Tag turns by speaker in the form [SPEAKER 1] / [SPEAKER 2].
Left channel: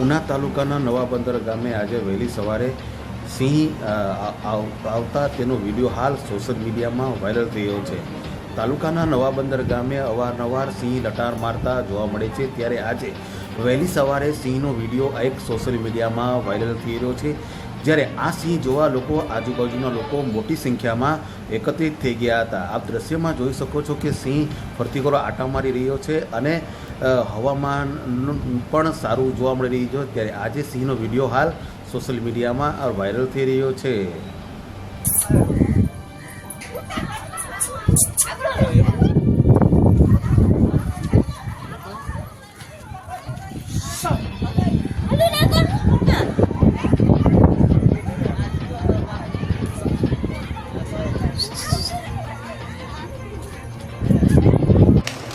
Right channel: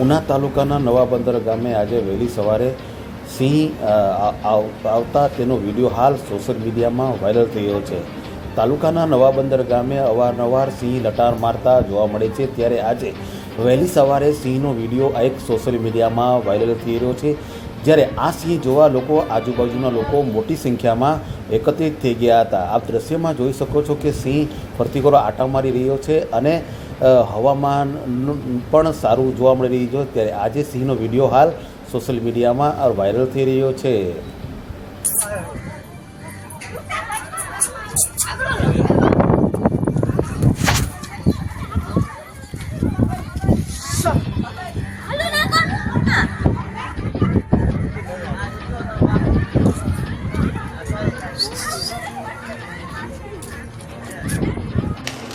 [SPEAKER 1] ઉના તાલુકાના નવા બંદર ગામે આજે વહેલી સવારે સિંહ આવ- આવતા તેનો વીડિયો હાલ સોશિયલ મીડિયામાં વાયરલ થયો છે. તાલુકાના નવા બંદર ગામે અવારનવાર સિંહ લટાર મારતા જોવા મળે છે. ત્યારે આજે વહેલી સવારે સિંહનો વીડિયો એક સોશિયલ મીડિયામાં વાયરલ થઈ રહ્યો છે. જ્યારે આ સિંહ જોવા લોકો, આજુબાજુના લોકો મોટી સંખ્યામાં એકત્રિત થઈ ગયા હતા. આપ દ્રશ્યમાં જોઈ શકો છો કે સિંહ ફરતી આટા મારી રહ્યો છે અને હવામાન પણ સારું જોવા મળી રહ્યું છે. ત્યારે આજે સિંહનો વીડિયો હાલ સોશિયલ મીડિયામાં વાયરલ થઈ રહ્યો છે.